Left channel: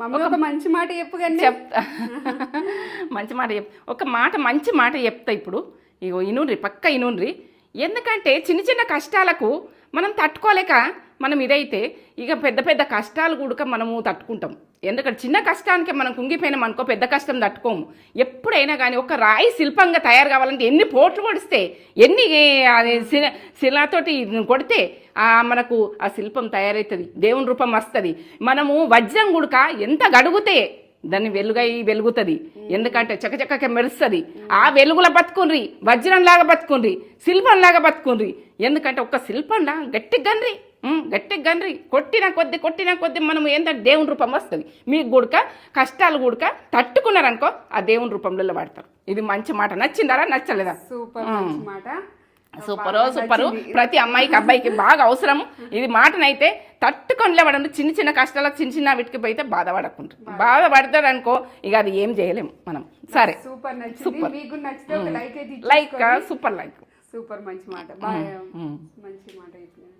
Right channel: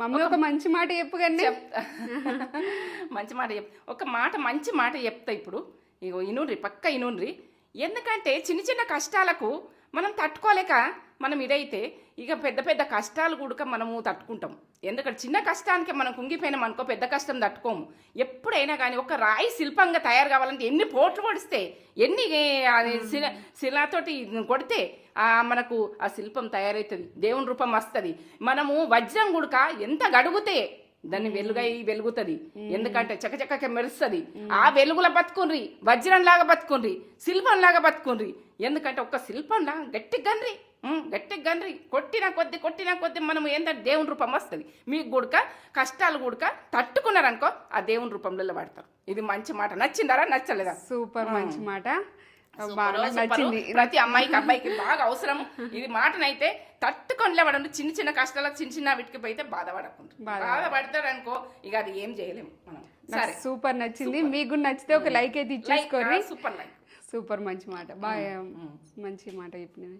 Mummy ఒక మంచి మాట చెప్పు కానీ చెప్తా మంచి మాట ఒక మాట మంచి మాట చెప్తా ఇప్పుడు. ఇగో ఇనుండ్రి, పక్క ఇనుండ్రి. ఎందుకంటే చిన్న చిన్న కష్టాలకు మనం తట్టుకోలేక మనం ఇదైతే ఇక పెద్ద పెద్ద కష్టాలు కూడా మనము తట్టుకుంటాం. ఎందుకంటే చిన్న కష్టానికి మనం కుంగిపోయినాం అనుకో, పెద్ద కష్టం తట్టుకోము. ఎప్పుడైనా కానీ ఒక రాయి శిల్పంగా తయారు కావాలంటే ఎన్ని పోట్లు కొడిస్తే, ఎన్ని అది శిలతోటి కొడితే మనకు ఆ శిల్పం తయారవుతుంది, దేవుని రూపం వస్తుంది. మనము వజ్రం గుడక ఎంత గడుగుతే దాన్ని వెలుగుతుంది. ఎందుకంటే చకచక మెరుస్తుంది. ఆ వెలుగుల బతుకుండ్రి, వజ్రంలాగా బతుకుండ్రి, శిల్పంలాగా బతుకుండ్రి. ఎందుకంటే ఒక శిల్పంలా గట్టిగా గండ్రి కొట్టిన కొద్ది మనం ఏంటంటే దేవుని రూపం వస్తుంది. మీకు గుడక కష్టాలు గుడక తట్టుకున్నారనుకో ఆ దేవుని రూపంలో పడతారు. ఇది మంచి మాట. నచ్చిందారా నచ్చలేదా? సూపర్ మంచి మాట. సూపరు. ప్రతి అమ్మాయికి అబ్బాయికి బాగా అవసరం ఇది మాటనైతే. తట్టుకొని లేవడం చిన్న చిన్న కష్టాలకు చిన్న వీటికి పోయితే బాధపడతారు అనుకో, ఇక అది ఏం చేయలేము మనం. సరే, సూపర్ నచ్చింది. మీకు నచ్చితే ఒక లైక్ అయితే లైక్ సూపర్ సూపర్ మంచి మాట. బాగా మంచి మాట చెప్పినది.